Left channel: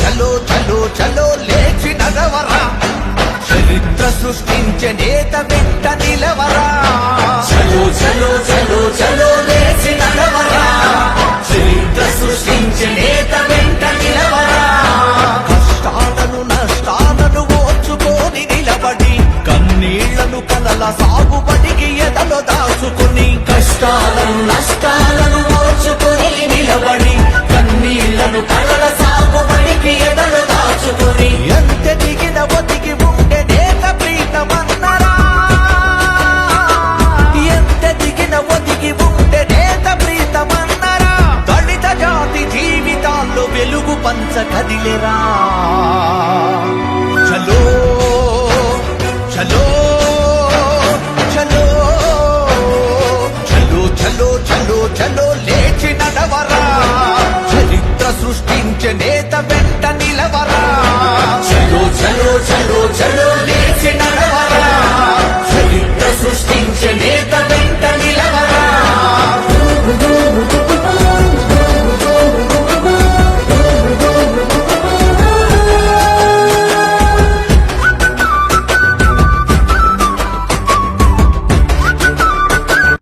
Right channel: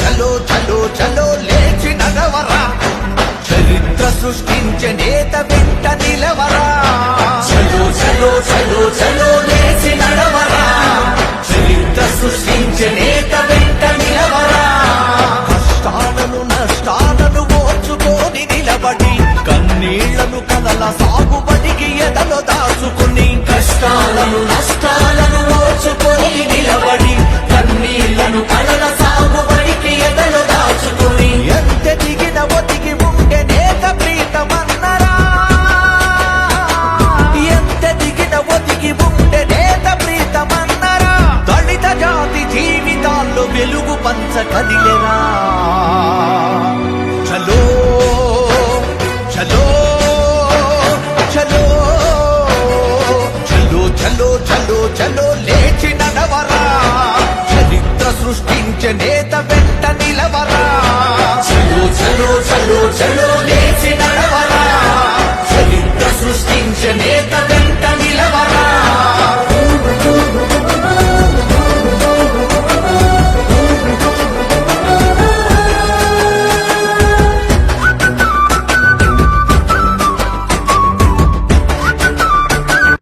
చలో చలో చలో లేచి నడవరా, చరిత్ర సృష్టించే నేత వెంట నిలవరా. చలో చలో చలో చలో లేచి నడవరా, చరిత్ర సృష్టించే నేత వెంట నిలవరా. కష్టాలను నష్టాలను ఓర్చుకొని నిలబడి, కన్నీళ్లను కలల సాగుబడికి ఎదలో దాచుకుని, కష్టాలను నష్టాలను ఓర్చుకొని నిలబడి, కన్నీళ్లను కలల సాగుబడికి ఎదలో దాచుకుని, ఎంత దిగిన ఒదిగి ఉండే నేత ప్రీతమన్నరా, ఎంత దిగిన ఒదిగి ఉండే నేత ప్రీతమన్నరా. దళిత జాతి జీవితాల్లో వెలుగు పంచ కదిలేరా. చలో చలో చలో చలో చలో చలో చలో లేచి నడవరా, చరిత్ర సృష్టించే నేత వెంట నిలవరా. చలో చలో చలో చలో లేచి నడవరా.